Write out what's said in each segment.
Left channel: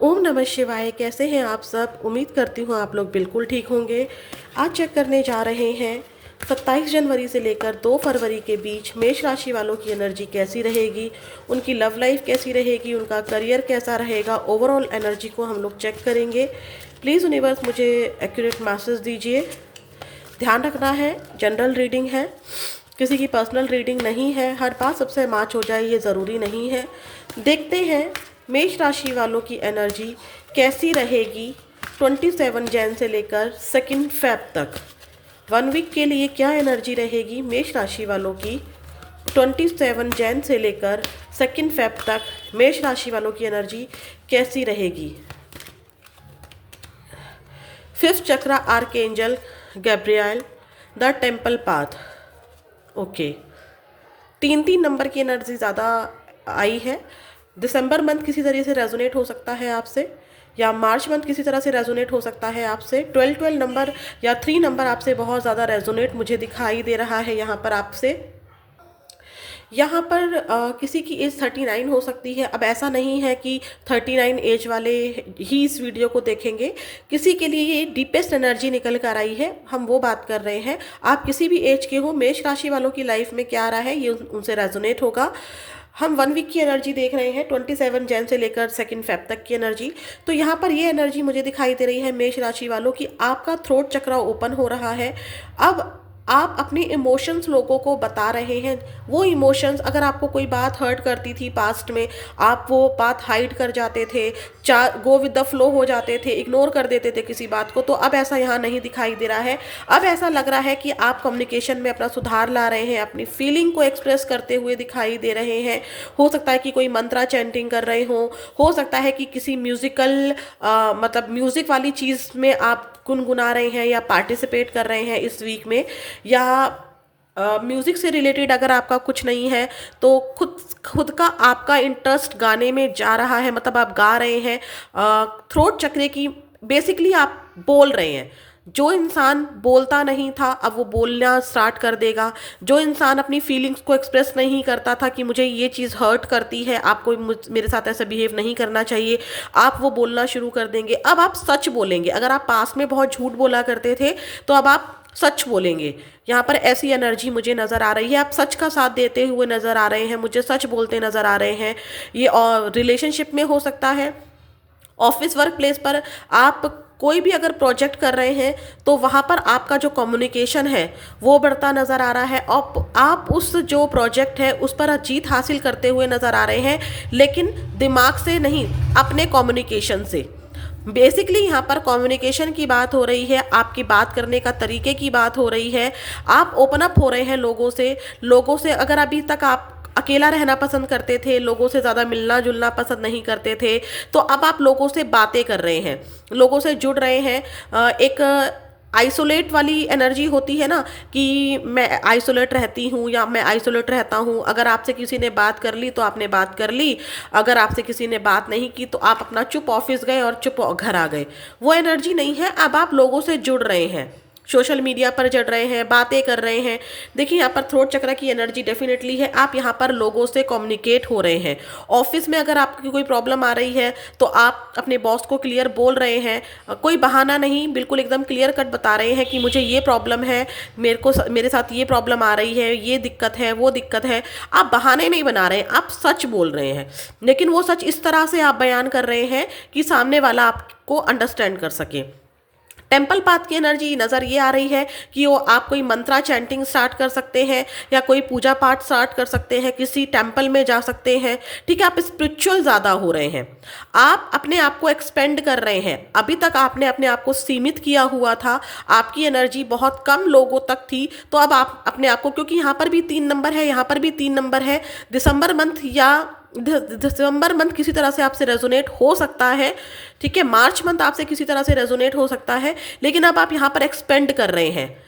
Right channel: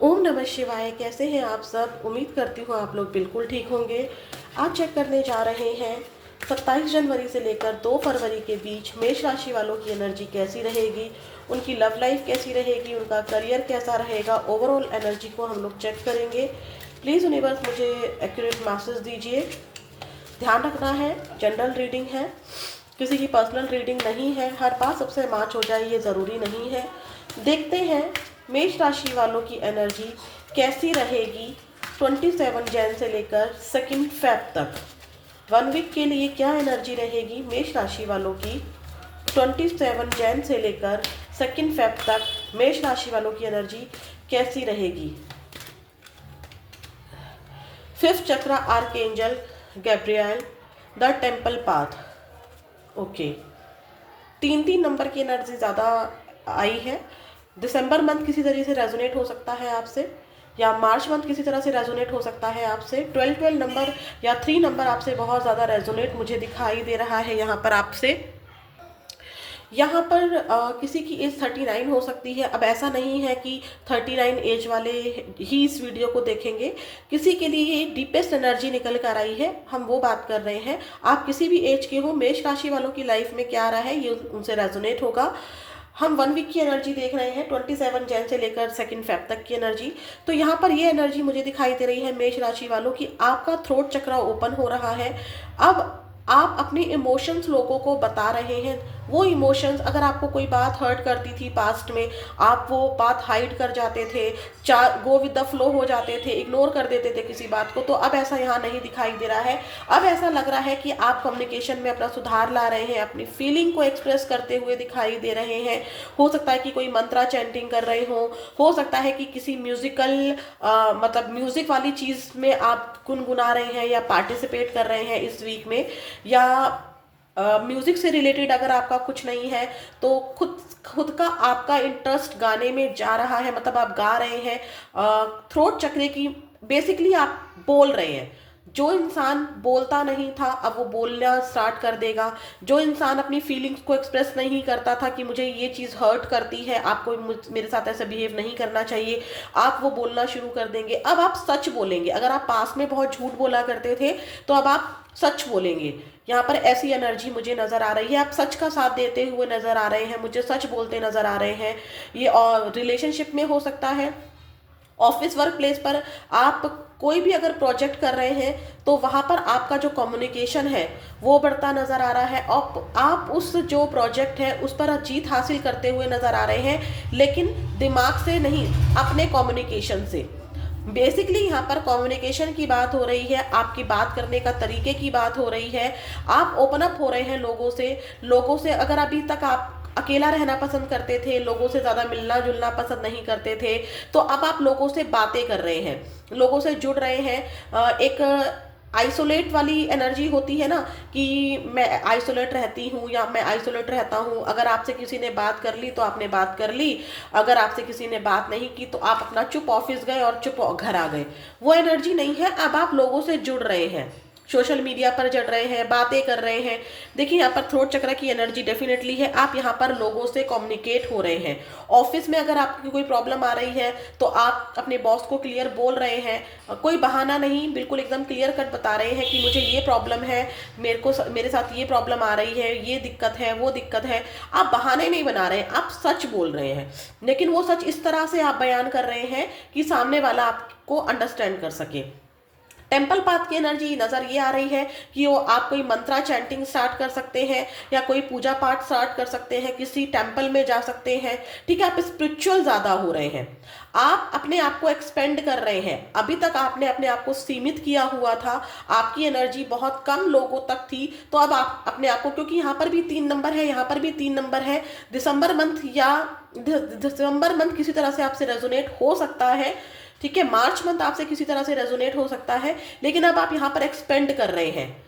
ओम नमः शिवाय। कैसे हैं आप सब? उम्मीद करती हूँ आप लोग बिल्कुल ठीक होंगे। आज चेक करने जा रहे हैं 27 जनवरी से लेकर 2 फरवरी के बीच मेष राशि वालों की एनर्जी कैसी रहेगी, उनकी लव लाइफ कैसी रहेगी, उनका करियर कैसा रहेगा। ओवरऑल एनर्जी को हम लोग चेक करेंगे। प्लीज़ यूनिवर्स मुझे एक्यूरेट मैसेज दीजिए। ध्यान रखना है, जनरल रीडिंग है, किसी की पर्सनल रीडिंग नहीं है। हर बात सबसे मैच हो जाए ये ज़रूरी नहीं है। देखते हैं मेष राशि वालों की एनर्जी कैसी रहेगी 27 जैन से लेकर 2 फेब तक। 1 वीक के लिए क्या एनर्जी रहेगी मेष राशि वालों की 27 जैन से लेकर 2 फेब तक। मेष राशि वालों की एनर्जी कैसी रहेगी। 5th chakra archangel Gabriel, the temple path. Okay, 3 number की एनर्जी ज़्यादा आई है। दिसंबर मंथ किसी तरीके से रेजोनेट हो सकता है आपसे, या मार्च मंथ किसी तरह से रेजोनेट हो सकता है आपसे। 12 नंबर या 3 नंबर आपसे बहुत ज़्यादा रेजोनेट मुझे दिखाई दे रहा है यहाँ पर आपसे। यहाँ पर किसी की एज 39 हो सकती है। अब ऐसा नहीं है कि 39 एज वाले ही इस वीडियो को देखेंगे। किसी के लिए ये डीपेस्ट एनर्जी निकल कर आई है, हम वो बात कर रहे हैं। आप किसी भी एज के हो, मेष राशि वालों की लाइफ में क्या आ रहा है ये उनसे रेजोनेट होगा। हम 1 वीक की एनर्जी देख रहे हैं, 27 जैन से लेकर 2 फेब तक की एनर्जी। तो यहाँ पर ये एनर्जी मुझे दिखाई दे रही है मेष राशि वालों की, आपका थ्रोट चक्रा ओपन हो रहा है। अब आप अपने इमोशंस लोगों को बता रहे हैं। वो इमोशंस, अगर आपको कोई बात हर्ट करती थी पास्ट में, आप वो बात हाइड कर जाते थे, गो विद द फ्लो हो जाते थे, इग्नोर कर देते थे किसी बात को, तो अब ऐसा यहाँ नहीं दिखाई दे रहा है। अब ऐसा लग रहा है कि आप कम्युनिकेशन में अपना सुधार ला रहे हैं, अपनी फीलिंग को एक्सप्रेस करते हुए दिखाई दे रहे हैं। हो सकता है कि कोई मंत्रा चैंटिंग कर रहे हो सकता है कि किसी म्यूजिकल मतलब म्यूजिक वाली चीज़ में आप गुनगुना रहे हैं या पार्टिसिपेट कर रहे हैं इस वीक में। या म्यूज़िक से रिलेटेड अगर आपका कुछ नहीं है तो खुद खुद का आपका इंटरेस्ट गाने में जा रहा है, मतलब आप गा रहे हैं। थ्रोट चक्रे की बेसिकली आप बोल रहे हैं। जो इंसान बोलता नहीं था अब वो बोलना स्टार्ट कर देगा। जो इंसान अपनी फीलिंग्स को एक्सप्रेस नहीं करता था कि मुझे ये चीज़ हर्ट करती है, आपको मेरे साथ ऐसा बिहेव नहीं करना चाहिए, आप वो बोलना शुरू कर देंगे। अब आप सच बोलेंगे। अगर आप पास में बहुत झूठ बोला करते थे तो अब आप सच बोलेंगे। यहाँ पर ऐसी एनर्जी मुझे नज़र आ रही है। आप सच का साथ देते हुए नज़र आ रहे हैं, मुझे सच बोलते नज़र आ रहे हैं। ये और रिलेशनशिप में हो सकता है, ऑफिस वर्क प्लेस पर आप कोई भी अगर प्रोजेक्ट कर रहे हैं तो वहाँ पर आपका जो कम्युनिकेशन है वो बढ़ता नज़र आ रहा है। और आप उस जो प्रोजेक्ट है उस पर जीत हासिल करते हुए नज़र आ रहे हैं, लेकिन दिमाग से नहीं, अपने कम्युनिकेशन से। बेसिकली यहाँ पर कम्युनिकेशन की बात हो रही है, आपकी बात करने का तरीके की बात हो रही है। आप ओपन अप हो रहे हैं लोगों से। अगर अभी तक आप अकेला रहना पसंद करते थे, लोगों से ज़्यादा मिलना जुलना पसंद नहीं करते थे, तो अब आप लोगों से बातें कर रहे हैं, लोगों से जुड़ रहे हैं। एक आइसोलेट वाली एनर्जी होती है ना, कि मैं आइसोलेट रहती हूँ या मैं आइसोलेट रहता हूँ। अगर आपसे किसी ने बात कर ली तो आपने बात कर ली, अगर आपसे किसी ने बात नहीं की तो आप अपना चुप ऑफिस गए और चुप घर आ गए। वो एनर्जी नहीं है। अब आप लोगों से जुड़ रहे हैं, सोशल मीडिया पर जुड़ रहे हैं, बातें कर रहे हैं। देखिए यहाँ पर थ्रोट चक्र की एनर्जी डेफिनेटली है। आप यहाँ पर लोगों से कम्युनिकेट हो रहे हैं। ऑफिस में अगर आपकी कोई प्रॉब्लम आ रही है तो आप अपने बॉस को क्लियर बोल रहे हैं। कोई बहाना नहीं, बिल्कुल एकदम क्लियर कट बता रहे हैं कि मुझे ये प्रॉब्लम है, मेरे साथ ये प्रॉब्लम आ रही है, ये दिक्कत है, वो दिक्कत है। आप बहाने नहीं बना रहे हैं, आप सच बोल रहे हैं। लेकिन वो सच इस तरह से आप बयान कर रहे हैं कि सामने वाला आपको अंडरस्टैंड कर सके। टेम्पल पाथ की एनर्जी नज़र ये आ रही है कि वो आप कोई मंत्रा चैंटिंग स्टार्ट कर सकते हैं या कोई पूजा पाठ स्टार्ट कर सकते हैं, किसी टेम्पल में जा सकते हैं। ठीक है, आप स्पिरिचुअल ज़्यादा हो रहे हैं, आप अपने आप को एक्सपेंड कर रहे हैं। अभी तक आपने अपने आप को सीमित किया हुआ था, आपकी एनर्जी बहुत कम लोगों तक थी, तो अब आप अपने आप को, क्योंकि यहाँ पर भी 3 नंबर है, यहाँ पर भी 3 नंबर है, दिसंबर मंथ किसी तरह से आपसे रेजोनेट हो सकता है। ठीक है, मार्च मंथ आपसे किसी तरह से रेजोनेट हो सकता है, लेकिन अब आप यहाँ पर एक्सपेंड कर रहे हैं।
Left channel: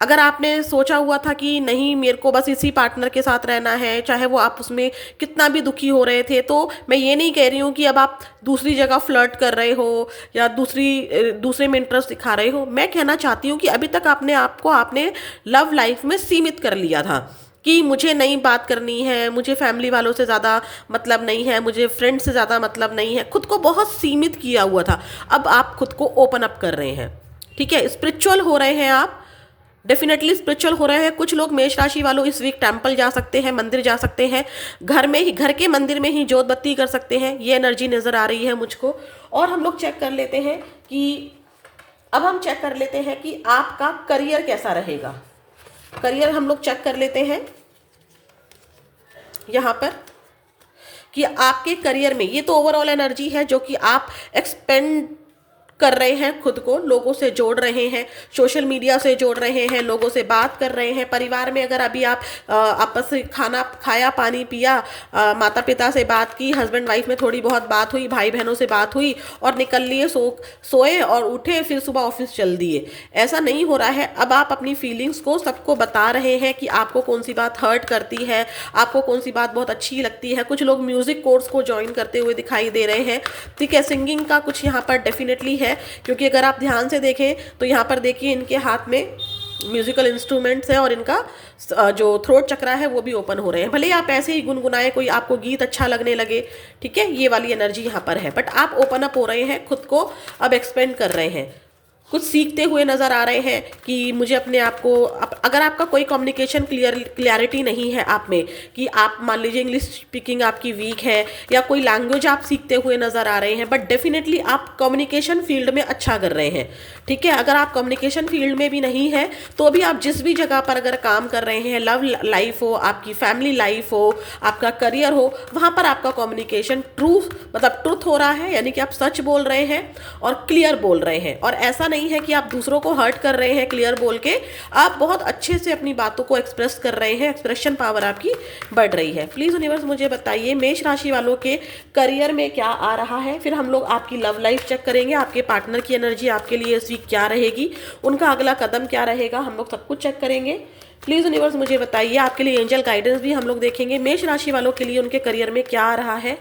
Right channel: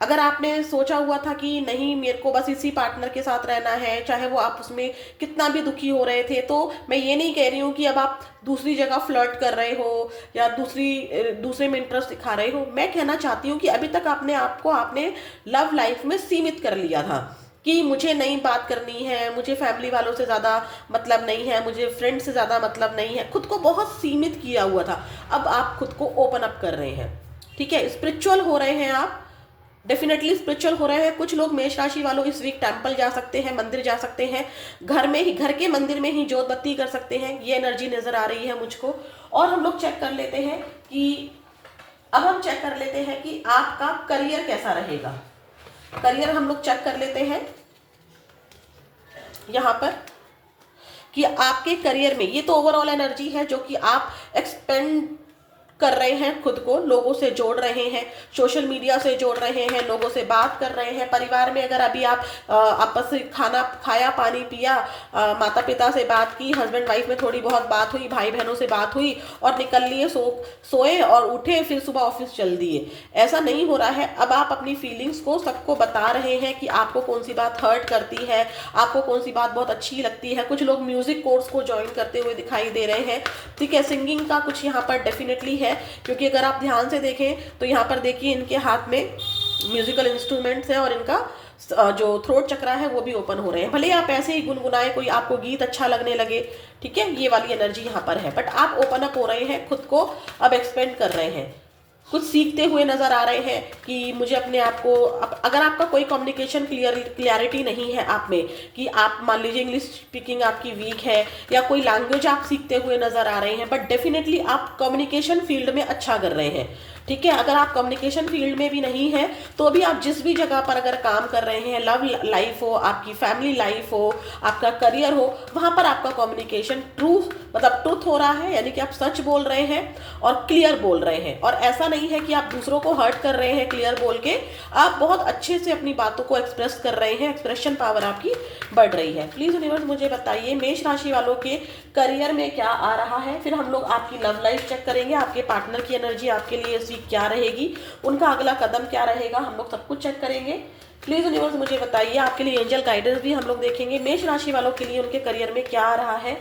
अगर आपने सोचा हुआ था कि नहीं मेरे को बस इसी पार्टनर के साथ रहना है, चाहे वो आप उसमें कितना भी दुखी हो रहे थे, तो मैं ये नहीं कह रही हूँ कि अब आप दूसरी जगह फ्लर्ट कर रहे हो या दूसरे में इंटरेस्ट दिखा रहे हो। मैं कहना चाहती हूँ कि अभी तक आपने लव लाइफ में सीमित कर लिया था। कि मुझे नई बात करनी है, मुझे फैमिली वालों से ज़्यादा मतलब नहीं है, मुझे फ्रेंड से ज़्यादा मतलब नहीं है, खुद को बहुत सीमित किया हुआ था। अब आप खुद को ओपन अप कर रहे हैं, ठीक है, स्पिरिचुअल हो रहे हैं आप, डेफिनेटली स्पिरिचुअल हो रहे हैं। कुछ लोग मेष राशि वालों इस वीक टेम्पल जा सकते हैं, मंदिर जा सकते हैं, घर में ही, घर के मंदिर में ही जोत बत्ती कर सकते हैं, ये एनर्जी नज़र आ रही है मुझको। और हम लोग चेक कर लेते हैं कि अब हम चेक कर लेते हैं कि आपका करियर कैसा रहेगा। करियर हम लोग चेक कर लेते हैं यहाँ पर कि आपके करियर में, ये तो ओवरऑल एनर्जी है जो कि आप एक्सपेंड कर रहे हैं, खुद को लोगों से जोड़ रहे हैं, सोशल मीडिया से जोड़ रहे हैं, लोगों से बात कर रहे हैं। परिवार में अगर अभी आप आपस में खाना खाया, पानी पिया, माता पिता से बात की, हस्बैंड वाइफ में थोड़ी बहुत बात हुई, भाई बहनों से बात हुई और निकल लिए, सोए और उठे, फिर सुबह ऑफिस चल दिए, ऐसा नहीं हो रहा है। अब आप अपनी फीलिंग्स को सबको बता रहे हैं कि आपको कौन सी बात हर्ट करती है, आपको कौन सी बात बहुत अच्छी लगती है। कुछ लोग म्यूजिक कोर्स को ज्वाइन करते हुए दिखाई दे रहे हैं, ठीक है। सिंगिंग का कुछ यहाँ पर डेफिनेटली है, क्योंकि अगर आप ध्यान से देखें तो यहाँ पर देखिए इनके हाथ में म्यूजिकल इंस्ट्रूमेंट्स हैं और इनका जो थ्रोट चक्रा है वो भी ओपन हो रहे हैं। भले आप ऐसे ही गुनगुनाएं, कोई आपको गीत अच्छा लगने लगे, ठीक है, ये वाली एनर्जी यहाँ पर है, बट आप ओपन अप हो रहे हैं, खुद को अब एक्सपेंड कर रहे हैं, कुछ सीखते हुए नज़र आ रहे हैं कि मुझे अपने आप को, अगर आपका कोई कम्युनिकेशन क्लियरिटी नहीं है आप में, कि आप मान लीजिए इंग्लिश स्पीकिंग आपकी वीक है या कोई लैंग्वेज आप सीखते हुए नज़र आ रहे हैं, बट डेफिनेटली आप कम्युनिकेशन फील्ड में अच्छा कर रहे हैं, ठीक है। अगर आप कम्युनिकेशन फील्ड में भी नहीं है तो भी आप जिस भी जगह पर अगर काम कर रहे हैं, लव लाइफ हो, आपकी फैमिली लाइफ हो, आपका करियर हो, वहाँ पर आपका कम्युनिकेशन ट्रूथ हो रहा है, यानी कि आप सच बोल रहे हैं और क्लियर बोल रहे हैं। और ऐसा नहीं है कि आप दूसरों को हर्ट कर रहे हैं क्लियर बोल के, आप बहुत अच्छे से अपनी बातों को एक्सप्रेस कर रहे हैं, एक्सप्रेशन पावर आपकी बढ़ रही है। प्लीज यूनिवर्स मुझे बताइए मेष राशि वालों के करियर में क्या आ रहा है। फिर हम लोग आपकी लव लाइफ चेक करेंगे, आपके पार्टनर की एनर्जी आपके लिए इस वीक क्या रहेगी, उनका अगला कदम क्या रहेगा, हम लोग सब कुछ चेक करेंगे। प्लीज यूनिवर्स मुझे बताइए, आपके लिए एंजल गाइडेंस भी हम लोग देखेंगे। मेष राशि वालों के लिए उनके करियर में क्या आ रहा है।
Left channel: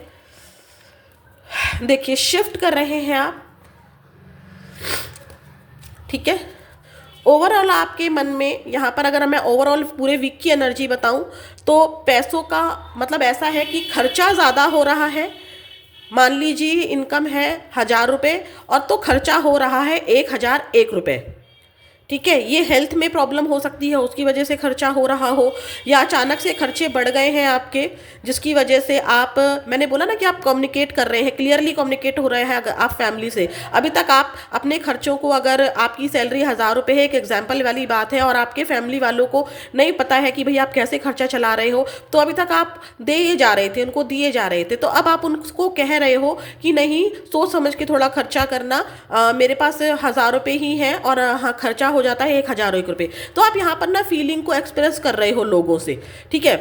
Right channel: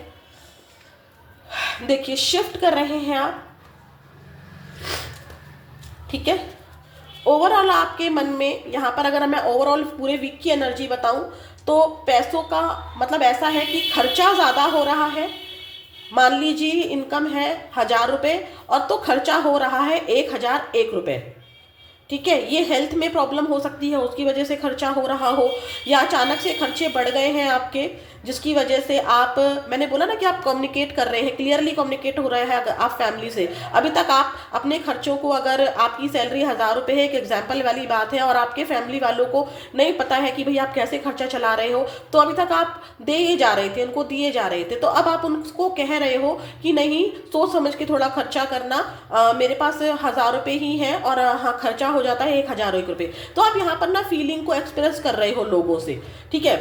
देखिए शिफ्ट कर रहे हैं आप, ठीक है। ओवरऑल आपके मन में यहाँ पर अगर मैं ओवरऑल पूरे वीक की एनर्जी बताऊं तो पैसों का मतलब ऐसा है कि खर्चा ज़्यादा हो रहा है। मान लीजिए इनकम है 1000 रुपये और तो खर्चा हो रहा है 1001 रुपये, ठीक है। ये हेल्थ में प्रॉब्लम हो सकती है, उसकी वजह से खर्चा हो रहा हो, या अचानक से खर्चे बढ़ गए हैं आपके, जिसकी वजह से आप, मैंने बोला ना कि आप कम्युनिकेट कर रहे हैं, क्लियरली कम्युनिकेट हो रहे हैं अगर आप फैमिली से। अभी तक आप अपने खर्चों को, अगर आपकी सैलरी 1000 रुपये है, एक एग्जाम्पल वाली बात है, और आपके फैमिली वालों को नहीं पता है कि भाई आप कैसे खर्चा चला रहे हो, तो अभी तक आप दे जा रहे थे, उनको दिए जा रहे थे, तो अब आप उनको कह रहे हो कि नहीं, सोच समझ के थोड़ा खर्चा करना, मेरे पास 1000 रुपये ही हैं और हाँ खर्चा हो जाता है 1001 रुपये। तो आप यहाँ पर ना फीलिंग को एक्सप्रेस कर रहे हो लोगों से, ठीक है।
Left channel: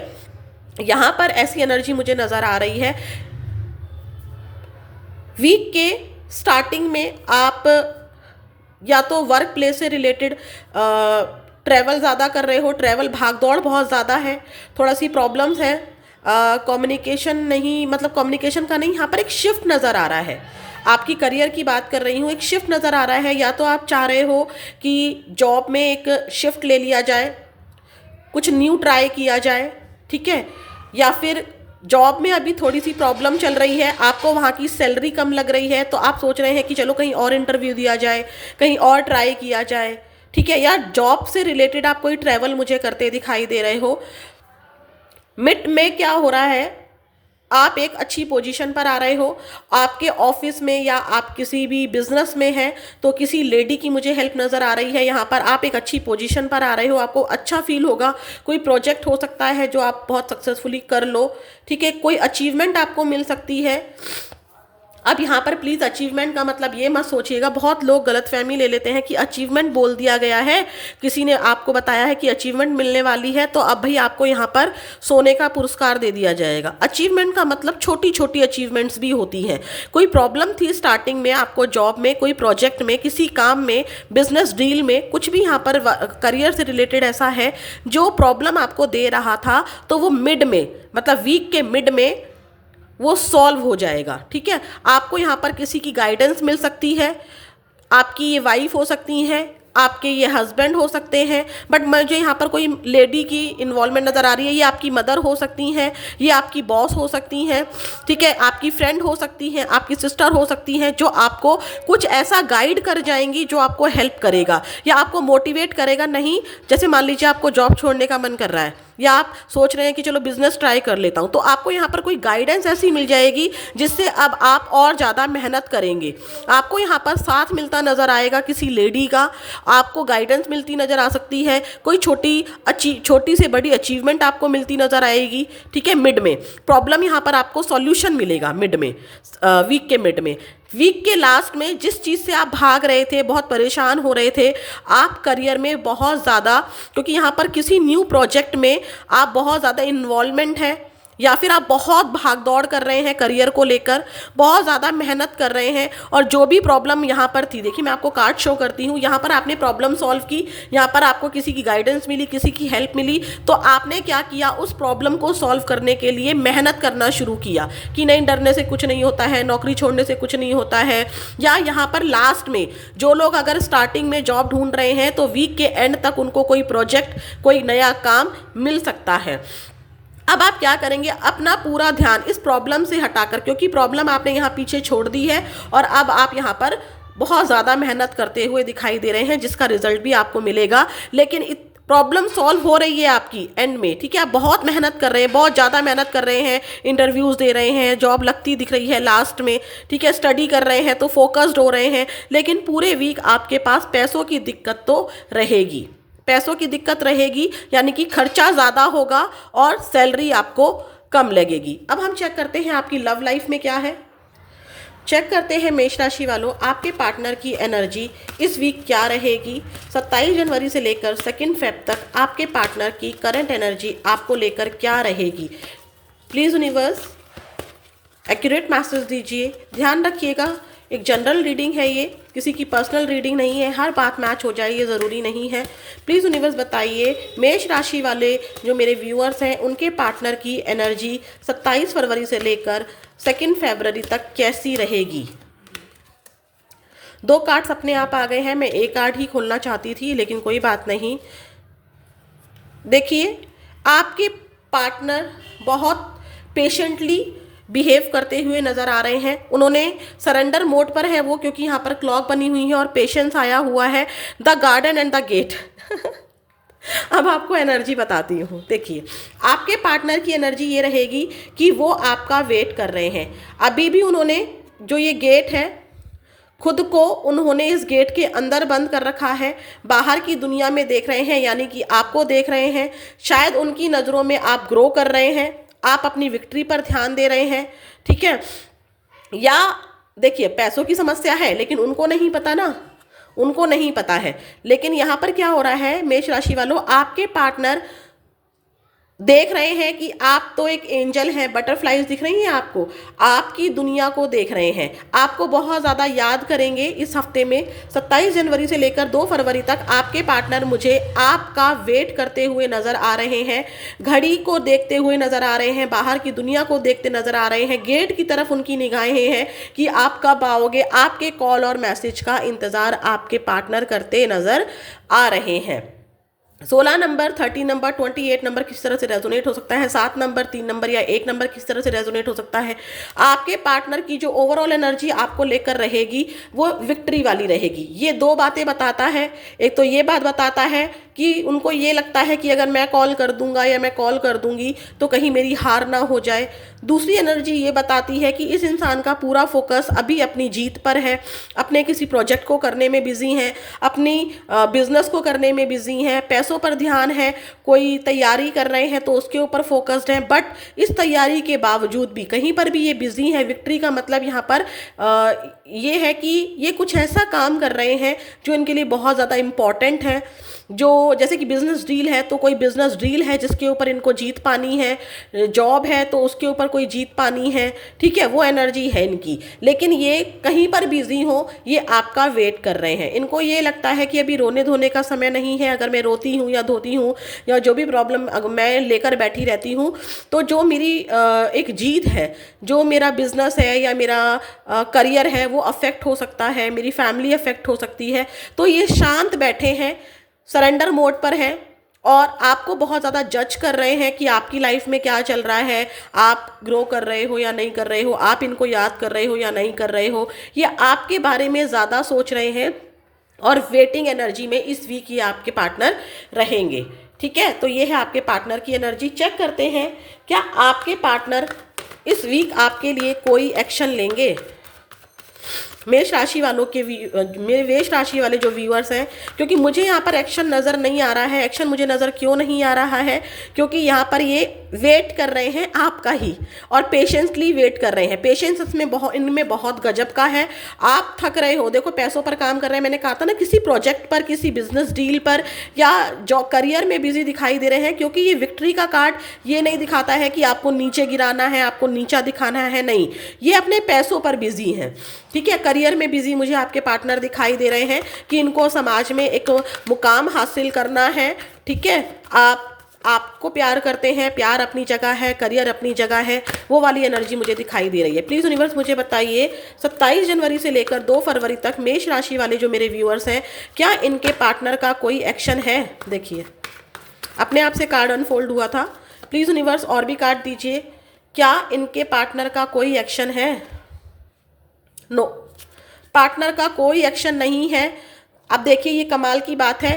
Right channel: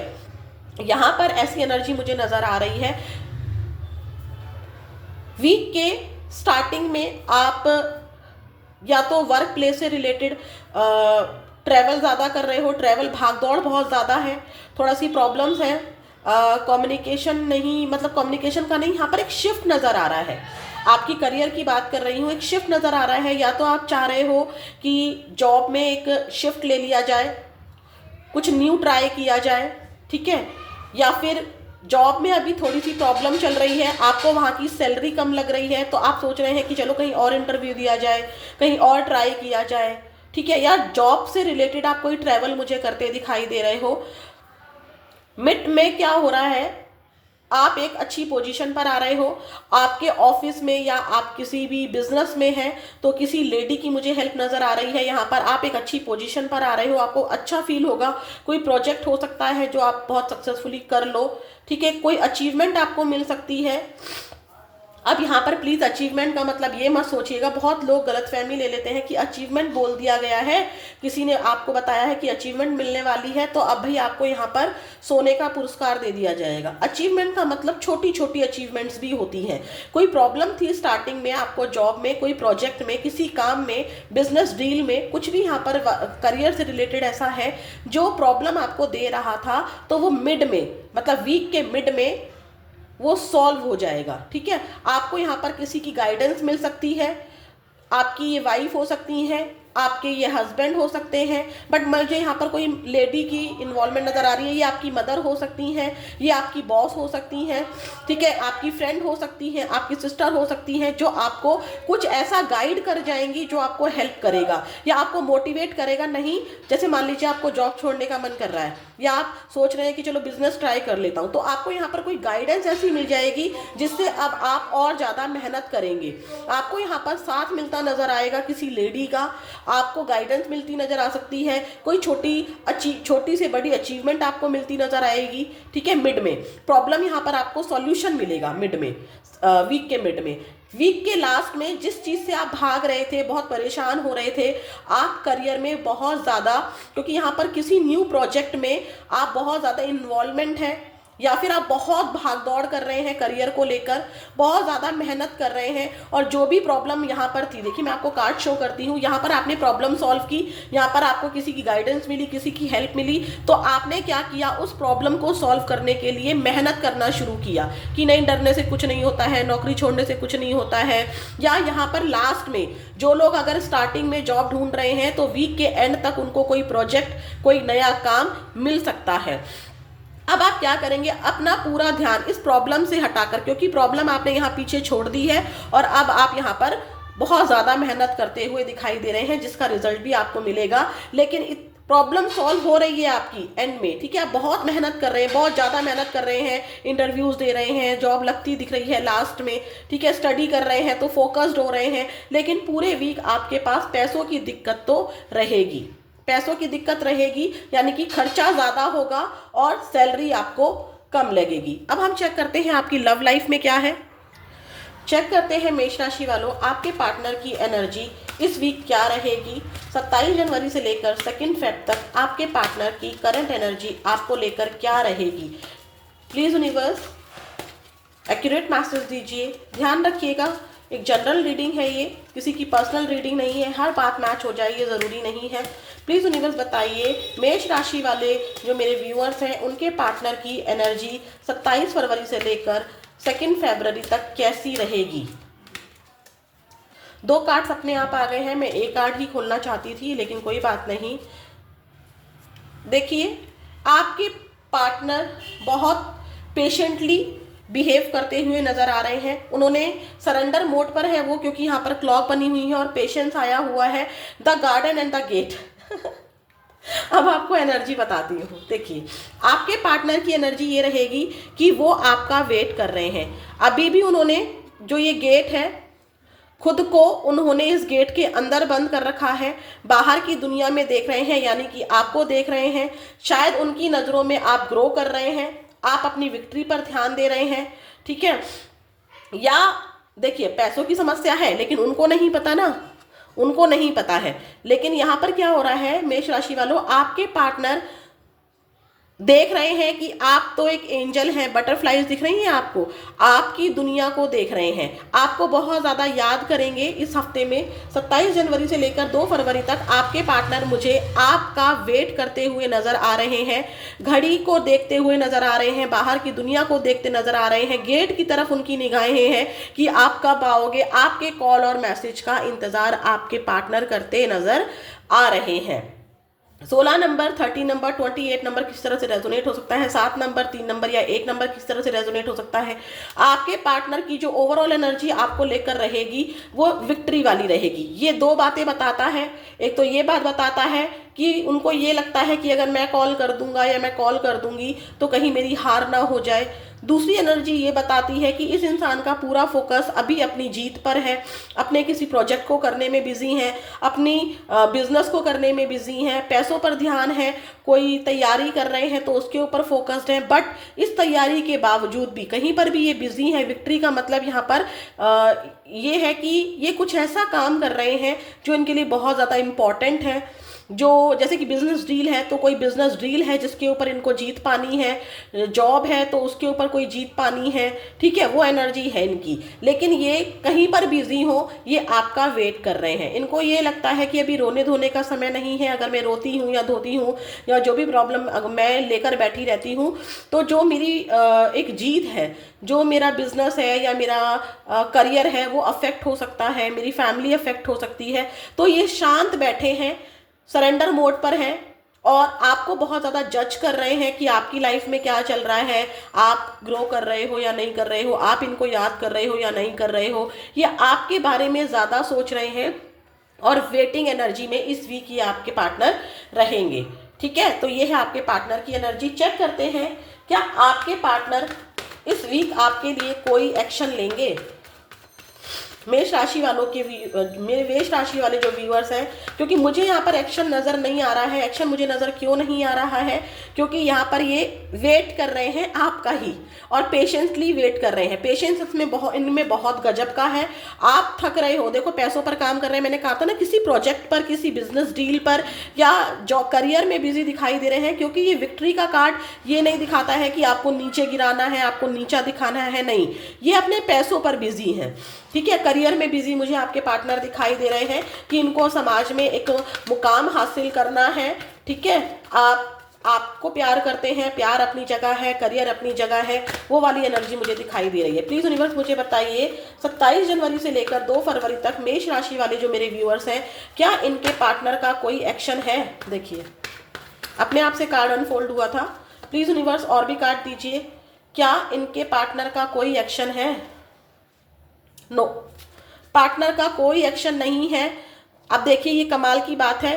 यहाँ पर ऐसी एनर्जी मुझे नजर आ रही है। वीक के स्टार्टिंग में आप या तो वर्क प्लेस से रिलेटेड ट्रैवल ज़्यादा कर रहे हो, ट्रैवल भागदौड़ बहुत ज़्यादा है, थोड़ा सी प्रॉब्लम्स है, कम्युनिकेशन नहीं, मतलब कम्युनिकेशन का नहीं, यहाँ पर एक शिफ्ट नज़र आ रहा है। आपकी करियर की बात कर रही हूँ, एक शिफ्ट नज़र आ रहा है। या तो आप चाह रहे हो कि जॉब में एक शिफ्ट ले लिया जाए, कुछ न्यू ट्राई किया जाए, ठीक है, या फिर जॉब में अभी थोड़ी सी प्रॉब्लम चल रही है, आपको वहाँ की सैलरी कम लग रही है, तो आप सोच रहे हैं कि चलो कहीं और इंटरव्यू दिया जाए, कहीं और ट्राई किया जाए, ठीक है। या जॉब से रिलेटेड आप कोई ट्रैवल मुझे करते दिखाई दे रहे हो। मिड में क्या हो रहा है, आप एक अच्छी पोजीशन पर आ रहे हो, आपके ऑफिस में या आप किसी भी बिजनेस में हैं, तो किसी लेडी की मुझे हेल्प नज़र आ रही है। यहाँ पर आप एक अच्छी पोजीशन पर आ रहे हो, आपको अच्छा फील होगा, कोई प्रोजेक्ट हो सकता है जो आप बहुत सक्सेसफुली कर लो, ठीक है, कोई अचीवमेंट आपको मिल सकती है। अब यहाँ पर प्लीज़ अचीवमेंट का मतलब ये मत सोचिएगा, बहुत लोग गलतफहमी ले लेते हैं कि अचीवमेंट बोल दिया गया है, किसी ने आपको बताया है कि अचीवमेंट मिलने वाली है, तो अब भाई आपको यहाँ पर सोने का पुरस्कार दे दिया जाएगा। अचीवमेंट का मतलब छोटी छोटी अचीवमेंट्स भी होती हैं। कोई प्रॉब्लम थी स्टार्टिंग में आपको, जॉब में, कोई प्रोजेक्ट में, किसी काम में, बिजनेस डील में, कुछ भी यहाँ पर करियर से रिलेटेड ऐसा है जो प्रॉब्लम आपको दे रहा था, तो वो मिड में, मतलब वीक के मिड में वो सॉल्व हो जाएगा, ठीक है। आपको यहाँ पर किसी की गाइडेंस मिल सकती है, आपकी ये वाइफ हो सकती है, आपके ये हस्बैंड हो सकते हैं, बट मुझे यहाँ पर कोई लेडी की इन्वॉल्वमेंट नज़र आ रही है। ये आपकी मदर हो सकती हैं, ये आपकी बॉस हो सकती हैं, ठीक है, आपकी फ्रेंड हो सकती हैं, आपकी सिस्टर हो सकती हैं, जो आपको कुछ ऐसा गाइड कर जाएंगी जो आपको हेल्प करेगा या आपको मोटिवेट करेगा। नहीं, जैसे मान लीजिए आपको जॉब छोड़ने का मन कर रहा है या आप सोच रहे हैं कि चलो बिजनेस ट्राई कर लेता हूँ, तो आपको यहाँ पर कोई गाइडेंस ऐसी मिल जाएगी जिससे अब आप और ज़्यादा मेहनत करेंगे। आपको यहाँ पर साथ मिलता नज़र आएगा किसी लेडी का, आपको गाइडेंस मिलती नज़र आ सकती है, कोई छोटी से बड़ी अचीवमेंट आपको मिलती नज़र आएगी, ठीक है। मिड में प्रॉब्लम यहाँ पर आपको सॉल्यूशन मिलेगा, मिड में, वीक के मिड में। वीक के लास्ट में जिस चीज़ से आप भाग रहे थे, बहुत परेशान हो रहे थे, आप करियर में बहुत ज़्यादा, क्योंकि यहाँ पर किसी न्यू प्रोजेक्ट में आप बहुत ज़्यादा इन्वॉल्वमेंट है या फिर आप बहुत भाग दौड़ कर रहे हैं करियर को लेकर, बहुत ज़्यादा मेहनत कर रहे हैं, और जो भी प्रॉब्लम यहाँ पर थी, देखिए मैं आपको कार्ड शो करती हूँ, यहाँ पर आपने प्रॉब्लम सॉल्व की, यहाँ पर आपको किसी की गाइडेंस मिली, किसी की हेल्प मिली, तो आपने क्या किया, उस प्रॉब्लम को सॉल्व करने के लिए मेहनत करना शुरू किया कि नहीं, डरने से कुछ नहीं होता है, नौकरी छोड़ने से कुछ नहीं होता है। या यहाँ पर लास्ट में जो लोग अगर स्टार्टिंग में जॉब ढूंढ रहे हैं तो वीक के एंड तक उनको कोई प्रोजेक्ट, कोई नया काम मिल सकता है। अब आप क्या करेंगे, अपना पूरा ध्यान इस प्रॉब्लम से हटाकर, क्योंकि प्रॉब्लम आपने यहाँ पीछे छोड़ दी है और अब आप यहाँ पर बहुत ज़्यादा मेहनत करते हुए दिखाई दे रहे हैं, जिसका रिजल्ट भी आपको मिलेगा। लेकिन प्रॉब्लम सॉल्व हो रही है आपकी एंड में, ठीक है। आप बहुत मेहनत कर रहे हैं, बहुत ज़्यादा मेहनत कर रहे हैं, इंटरव्यूज़ दे रहे हैं, जॉब लगती दिख रही है लास्ट में, ठीक है, स्टडी कर रहे हैं तो फोकस्ड हो रहे हैं, लेकिन पूरे वीक आपके पास पैसों की दिक्कत तो रहेगी, पैसों की दिक्कत रहेगी, यानी कि खर्चा ज़्यादा होगा और सैलरी आपको कम लगेगी। अब हम चेक करते हैं आपकी लव लाइफ में क्या है। चेक करते हैं मेष राशि वालों, आपके पार्टनर की एनर्जी इस वीक क्या रहेगी। 27 जनवरी से लेकर 2 फेब तक आपके पार्टनर की करंट एनर्जी आपको लेकर क्या रहेगी। प्लीज़ यूनिवर्स एक्यूरेट मैसेज दीजिए। ध्यान रखिएगा, एक जनरल रीडिंग है, ये किसी की पर्सनल रीडिंग नहीं है, हर बात मैच हो जाए ये ज़रूरी नहीं है। प्लीज़ यूनिवर्स बताइए मेष राशि वाले जो मेरे व्यूअर्स हैं उनके पार्टनर की एनर्जी 27 फरवरी से लेकर 2 फरवरी तक कैसी रहेगी। 2 कार्ड्स अपने आप आ गए हैं, मैं एक कार्ड ही खोलना चाहती थी लेकिन कोई बात नहीं। देखिए, आपके पार्टनर बहुत पेशेंटली बिहेव करते हुए नज़र आ रहे हैं, उन्होंने सरेंडर मोड पर है वो, क्योंकि यहाँ पर क्लॉक बनी हुई है और पेशेंस आया हुआ है, the garden and the gate. अब आपको एनर्जी बताती हूँ। देखिए, आपके पार्टनर की एनर्जी ये रहेगी कि वो आपका वेट कर रहे हैं। अभी भी उन्होंने जो ये गेट है, खुद को उन्होंने इस गेट के अंदर बंद कर रखा है, बाहर की दुनिया में देख रहे हैं, यानी कि आपको देख रहे हैं। शायद उनकी नज़रों में आप ग्रो कर रहे हैं, आप अपनी विक्ट्री पर ध्यान दे रहे हैं, ठीक है। या देखिए, पैसों की समस्या है लेकिन उनको नहीं पता ना, उनको नहीं पता है। लेकिन यहाँ पर क्या हो रहा है मेष राशि वालों, आपके पार्टनर देख रहे हैं कि आप तो एक एंजल हैं, बटरफ्लाइज दिख रही हैं आपको, आपकी दुनिया को देख रहे हैं, आपको बहुत ज़्यादा याद करेंगे इस हफ्ते में। 27 जनवरी से लेकर 2 फरवरी तक आपके पार्टनर मुझे आपका वेट करते हुए नज़र आ रहे हैं, घड़ी को देखते हुए नज़र आ रहे हैं, बाहर की दुनिया को देखते नज़र आ रहे हैं, गेट की तरफ उनकी निगाहें हैं कि आप कब आओगे। आपके कॉल और मैसेज का इंतज़ार आपके पार्टनर करते नज़र आ रहे हैं। 16 नंबर, 30 नंबर, 28 नंबर किस तरह से रेजोनेट हो सकता है, 7 नंबर, 3 नंबर या 1 नंबर किस तरह से रेजोनेट हो सकता है। आपके पार्टनर की जो ओवरऑल एनर्जी आपको लेकर रहेगी वो विक्ट्री वाली रहेगी। ये 2 बातें बताता है। एक तो ये बात बताता है कि उनको ये लगता है कि अगर मैं कॉल कर दूंगा या मैं कॉल कर दूंगी तो कहीं मेरी हार ना हो जाए। दूसरी एनर्जी ये बताती है कि इस इंसान का पूरा फोकस अभी अपनी जीत पर है, अपने किसी प्रोजेक्ट को करने में बिजी हैं, अपनी बिजनेस को करने में बिजी हैं, पैसों पर ध्यान है, कोई तैयारी कर रहे हैं तो उसके ऊपर फोकस्ड हैं। बट इस तैयारी के बावजूद भी कहीं पर भी ये बिजी हैं। विक्ट्री का मतलब यहाँ पर ये है कि ये कुछ ऐसा काम कर रहे हैं जो इनके लिए बहुत ज़्यादा इम्पॉर्टेंट है, जो जैसे कि बिजनेस डील है तो कोई बिजनेस डील है जिसके ऊपर इनको जीत पानी है, जॉब है तो उसके ऊपर कोई जीत पानी है, ठीक है, वो एनर्जी है इनकी। लेकिन ये कहीं पर बिजी हो, ये आपका वेट कर रहे हैं। इनको ये लगता है कि अभी रोने धोने का समय नहीं है, अगर मैं रोती हूँ या धोती हूँ या जो भी प्रॉब्लम मैं लेकर बैठी रहती हूँ, तो जो मेरी एक जीत है, जो मेरा बिजनेस है या मेरा करियर है, वो अफेक्ट हो सकता है, मेरी फैमिली अफेक्ट हो सकती है। तो ये शांत बैठे हैं, सरेंडर मोड पर हैं और आपको बहुत ज़्यादा जज कर रहे हैं कि आपकी लाइफ में क्या चल रहा है, आप ग्रो कर रहे हो या नहीं कर रहे हो, आप इनको याद कर रहे हो या नहीं कर रहे हो, ये आपके बारे में ज़्यादा सोच रहे हैं और वेटिंग एनर्जी में इस वीक ये आपके पार्टनर रहेंगे। ठीक है, तो ये है आपके पार्टनर की एनर्जी। चेक करते हैं क्या आपके पार्टनर इस वीक आपके लिए कोई एक्शन लेंगे। मेष राशि वालों के मेष राशि वाले जो व्यूअर्स हैं, क्योंकि मुझे यहाँ पर एक्शन नज़र नहीं आ रहा है। एक्शन मुझे नज़र क्यों नहीं आ रहा है, क्योंकि यहाँ पर ये वेट कर रहे हैं आपका ही और पेशेंसली वेट कर रहे हैं। पेशेंस इनमें बहुत गजब का है। आप थक रहे हो, देखो पैसों पर काम कर रहे हैं, मैंने कहा था ना, किसी प्रोजेक्ट पर, किसी बिजनेस डील पर या जो करियर में बिजी दिखाई दे रहे हैं, क्योंकि ये विक्ट्री का कार्ड ये नहीं दिखाता है कि आपको नीचे गिराना है, आपको नीचा दिखाना है, नहीं, ये अपने पैसों पर बिजी हैं। ठीक है, करियर में बिजी मुझे आपके पार्टनर दिखाई दे रहे हैं कि इनको समाज में एक मुकाम हासिल करना है। ठीक है, आपको प्यार करते हैं, प्यार अपनी जगह है, करियर अपनी जगह है, वो वाली एनर्जी मुझे दिखाई दे रही है। प्लीज़ यूनिवर्स मुझे बताइए 27 जनवरी से लेकर 2 फरवरी तक मेष राशि वाले जो मेरे व्यूअर्स हैं, क्या इनके पार्टनर का कोई एक्शन है। देखिए अपने आप से कार्ड अनफोल्ड हुआ था। प्लीज़ यूनिवर्स और भी कार्ड दीजिए, क्या इनके पार्टनर का कोई एक्शन है। नो, पार्टनर का कोई एक्शन नहीं है। अब देखिए ये कमाल की बात है,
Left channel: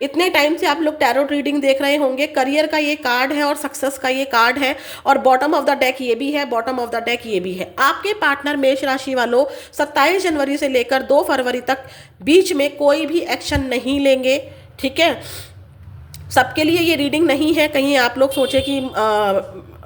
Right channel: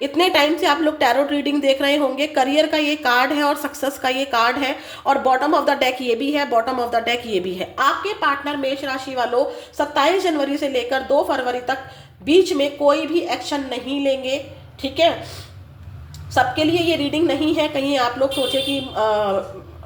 इतने टाइम से आप लोग टैरो रीडिंग देख रहे होंगे, करियर का ये कार्ड है और सक्सेस का ये कार्ड है और बॉटम ऑफ द डेक ये भी है, बॉटम ऑफ द डेक ये भी है। आपके पार्टनर मेष राशि वालों 27 जनवरी से लेकर 2 फरवरी तक बीच में कोई भी एक्शन नहीं लेंगे। ठीक है, सबके लिए ये रीडिंग नहीं है, कहीं आप लोग सोचे कि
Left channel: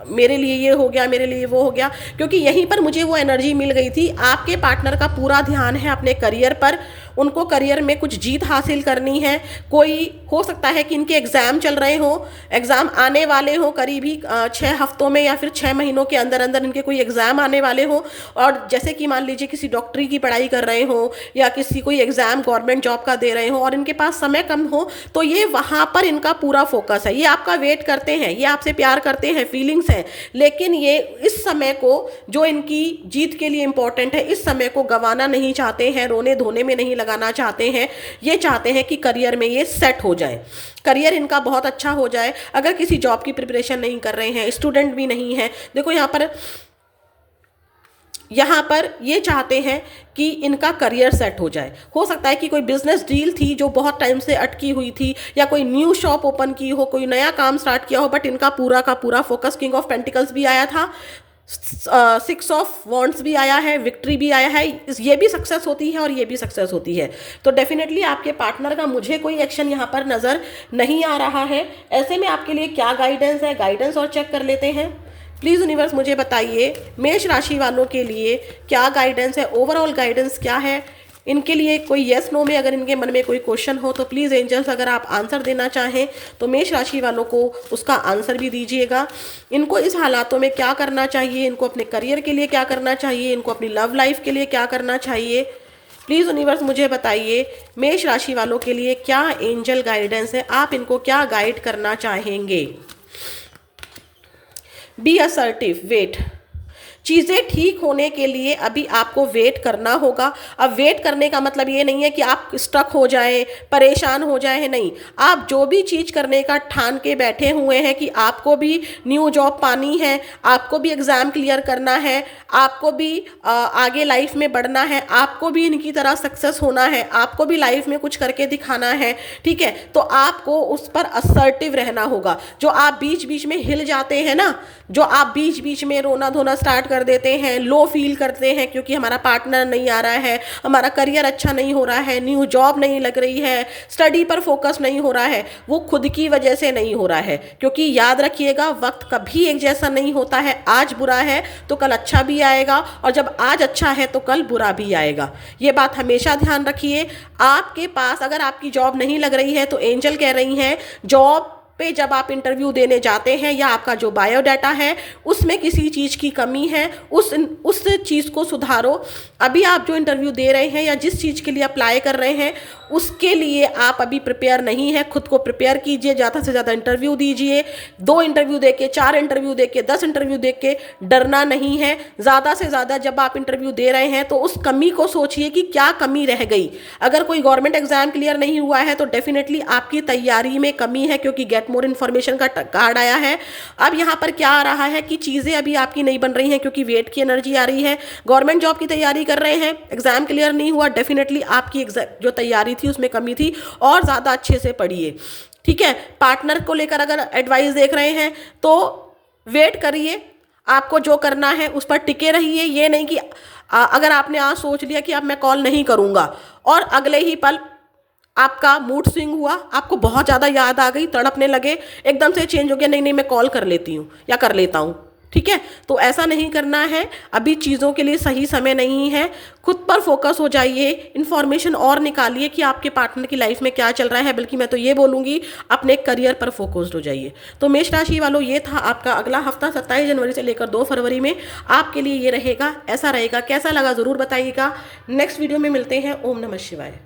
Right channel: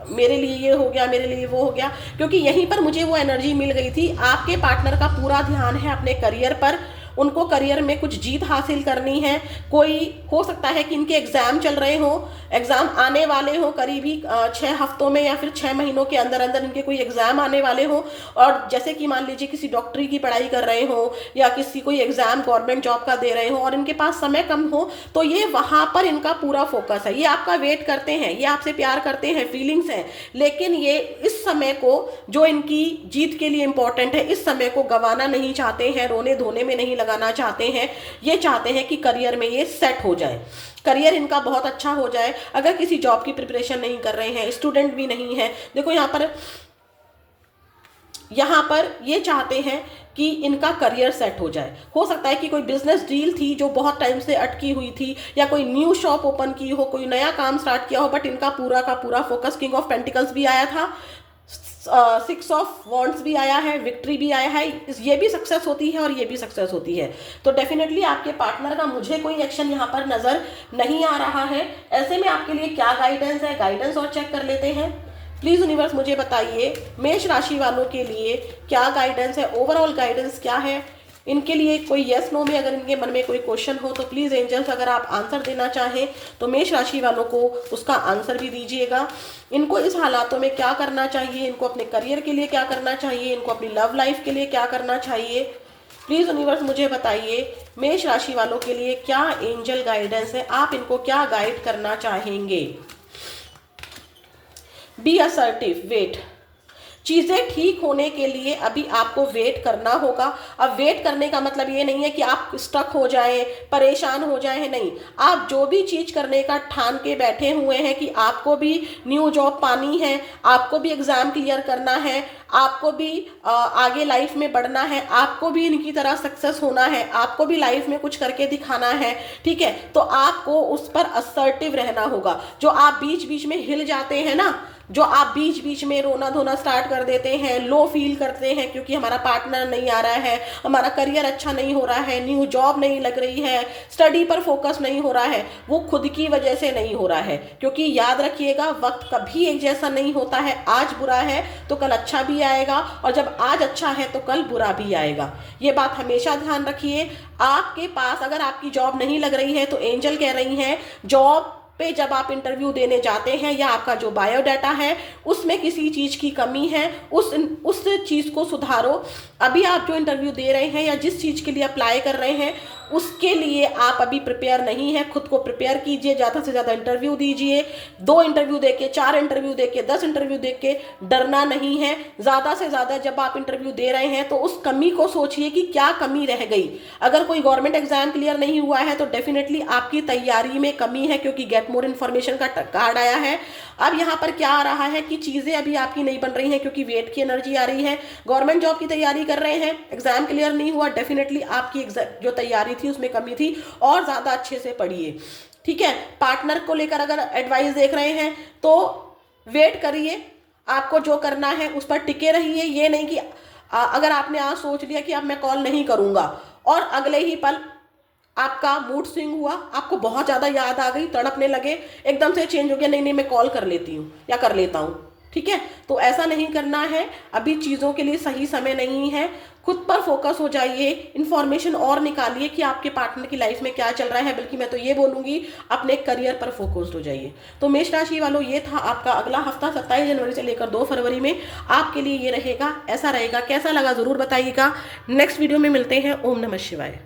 मेरे लिए ये हो गया, मेरे लिए वो हो गया, क्योंकि यहीं पर मुझे वो एनर्जी मिल गई थी। आपके पार्टनर का पूरा ध्यान है अपने करियर पर, उनको करियर में कुछ जीत हासिल करनी है। कोई हो सकता है कि इनके एग्ज़ाम चल रहे हो, एग्ज़ाम आने वाले हो करीबी 6 हफ्तों में या फिर 6 महीनों के अंदर अंदर इनके कोई एग्ज़ाम आने वाले हो। और जैसे कि मान लीजिए किसी डॉक्टरी की पढ़ाई कर रहे हो या किसी कोई एग्ज़ाम गवर्नमेंट जॉब का दे रहे हो और इनके पास समय कम हो, तो ये वहाँ पर इनका पूरा फोकस है। ये आपका वेट करते हैं, ये आपसे प्यार करते हैं, फीलिंग्स हैं, लेकिन ये इस समय को जो इनकी जीत के लिए इंपॉर्टेंट है, इस समय को गंवाना नहीं चाहते हैं, रोने धोने में नहीं लगाना चाहते हैं। ये चाहते हैं कि करियर में ये सेट हो जाए, करियर इनका बहुत अच्छा हो जाए। अगर किसी जॉब की प्रिपरेशन नहीं कर रहे हैं, स्टूडेंट भी नहीं है, देखो यहाँ पर ये चाहते हैं कि इनका करियर सेट हो जाए। हो सकता है कि कोई बिजनेस डील थी जो बहुत टाइम से अटकी हुई थी, या कोई न्यू शॉप ओपन की हो, कोई नया काम स्टार्ट किया हो, बट इनका पूरा का पूरा फोकस, किंग ऑफ पेंटिकल्स भी आया था, 6 ऑफ वॉन्ड्स भी आया है, विक्ट्री भी आया है, ये भी सक्सेस होती है और ये भी सक्सेस होती है। तो डेफिनेटली आपके पार्टनर का मुझे कोई एक्शन यहाँ पर नज़र नहीं आ रहा है। ऐसे में आपके लिए क्या गाइडेंस है, गाइडेंस और चेक कर लेते हैं। प्लीज़ यूनिवर्स मुझे बताइए मेष राशि वालों के लिए क्या गाइडेंस है, ओवरऑल गाइडेंस क्या है इनके लिए। कोई येस नो में अगर इनके मन में कोई क्वेश्चन हो तो प्लीज़ एंजल्स अगर आप आंसर देना चाहें तो मेष राशि वालों को उसका आंसर भी दीजिएगा। इनको इस हालातों में क्या करना चाहिए, इनको अपने करियर के लिए क्या करना चाहिए, इनको अपनी लव लाइफ के लिए क्या करना चाहिए। प्लीज़ यूनिवर्स मुझे बताइए मेष राशि वालों के लिए क्या एंजल गाइडेंस है, आप इनको क्या गाइड करना चाहेंगे। Be assertive, wait. चीज़ें ठीक होने के लिए अभी आपको वेट करना होगा। अब वेट करने का मतलब ये नहीं है कि आप स्टक हो जाएं, परेशान हो जाएं, नहीं। आप जो भी चीज़ करने का ठान के बैठे हुए हैं कि आपको भी न्यू जॉब पानी है, आपको भी एग्ज़ाम क्लियर करना है, आपको भी आगे लाइफ में बढ़ना है, आपको भी इनकी तरह सक्सेस होना है, आपको भी लाइफ में कुछ करके दिखाना है। ठीक है, तो आपको उस पर असर्टिव रहना होगा। जो आप बीच बीच में हिल जाते हैं ना, जो आप बीच बीच में रोना धोना स्टार्ट कर देते हैं, लो फील करते हैं क्योंकि हमारा पार्टनर नहीं आ रहा है, हमारा करियर अच्छा नहीं हो रहा है, न्यू जॉब नहीं लग रही है, स्टडी पर फोकस नहीं हो रहा है, वो खुद की वजह से नहीं हो रहा है। क्योंकि याद रखिएगा, वक्त कभी एक जैसा नहीं होता है। आज बुरा है तो कल अच्छा भी आएगा, और जब आज अच्छा है तो कल बुरा भी आएगा। ये बात हमेशा ध्यान रखिए। आपके पास अगर आपकी जॉब नहीं लग रही है तो एंजल कह रही हैं, जॉब पे जब आप इंटरव्यू देने जाते हैं या आपका जो बायोडाटा है उसमें किसी चीज़ की कमी है, उस चीज़ को सुधारो। अभी आप जो इंटरव्यू दे रहे हैं या जिस चीज़ के लिए अप्लाई कर रहे हैं उसके लिए आप अभी प्रिपेयर नहीं है, खुद को प्रिपेयर कीजिए, ज़्यादा से ज़्यादा इंटरव्यू दीजिए। 2 इंटरव्यू दे के, 4 इंटरव्यू दे के, 10 इंटरव्यू दे के डरना नहीं है। ज़्यादा से ज़्यादा जब आप इंटरव्यू दे रहे हैं तो उस कमी को सोचिए कि क्या कमी रह गई। अगर कोई गवर्नमेंट एग्जाम क्लियर नहीं हुआ है तो डेफिनेटली आपकी तैयारी में कमी है, क्योंकि गेट मोर इन्फॉर्मेशन का कार्ड आया है। अब यहाँ पर क्या आ रहा है कि चीज़ें अभी आपकी नहीं बन रही हैं क्योंकि वेट की एनर्जी आ रही है। गवर्नमेंट जॉब की तैयारी कर रहे हैं, एग्जाम क्लियर नहीं हुआ, डेफिनेटली आपकी जो तैयारी थी उसमें कमी थी, और ज़्यादा अच्छे से पढ़िए। ठीक है, पार्टनर को लेकर अगर एडवाइस देख रहे हैं तो वेट करिए, आपको जो करना है उस पर टिके रहिए। ये नहीं कि अगर आपने आज सोच लिया कि अब मैं कॉल नहीं करूँगा और अगले ही पल आपका मूड स्विंग हुआ, आपको बहुत ज़्यादा याद आ गई, तड़पने लगे, एकदम से चेंज हो गया, नहीं नहीं मैं कॉल कर लेती हूँ या कर लेता हूँ। ठीक है, तो ऐसा नहीं करना है। अभी चीज़ों के लिए सही समय नहीं है। खुद पर फोकस हो जाइए, इन्फॉर्मेशन और निकालिए कि आपके पार्टनर की लाइफ में क्या चल रहा है, बल्कि मैं तो ये बोलूँगी अपने करियर पर फोकस्ड हो जाइए। तो मेष राशि वालों, ये था आपका अगला हफ्ता 27 जनवरी से लेकर 2 फरवरी में आपके लिए ये रहेगा। ऐसा रहेगा, कैसा लगा ज़रूर बताइएगा। नेक्स्ट वीडियो में मिलते हैं। ओम नमः शिवाय।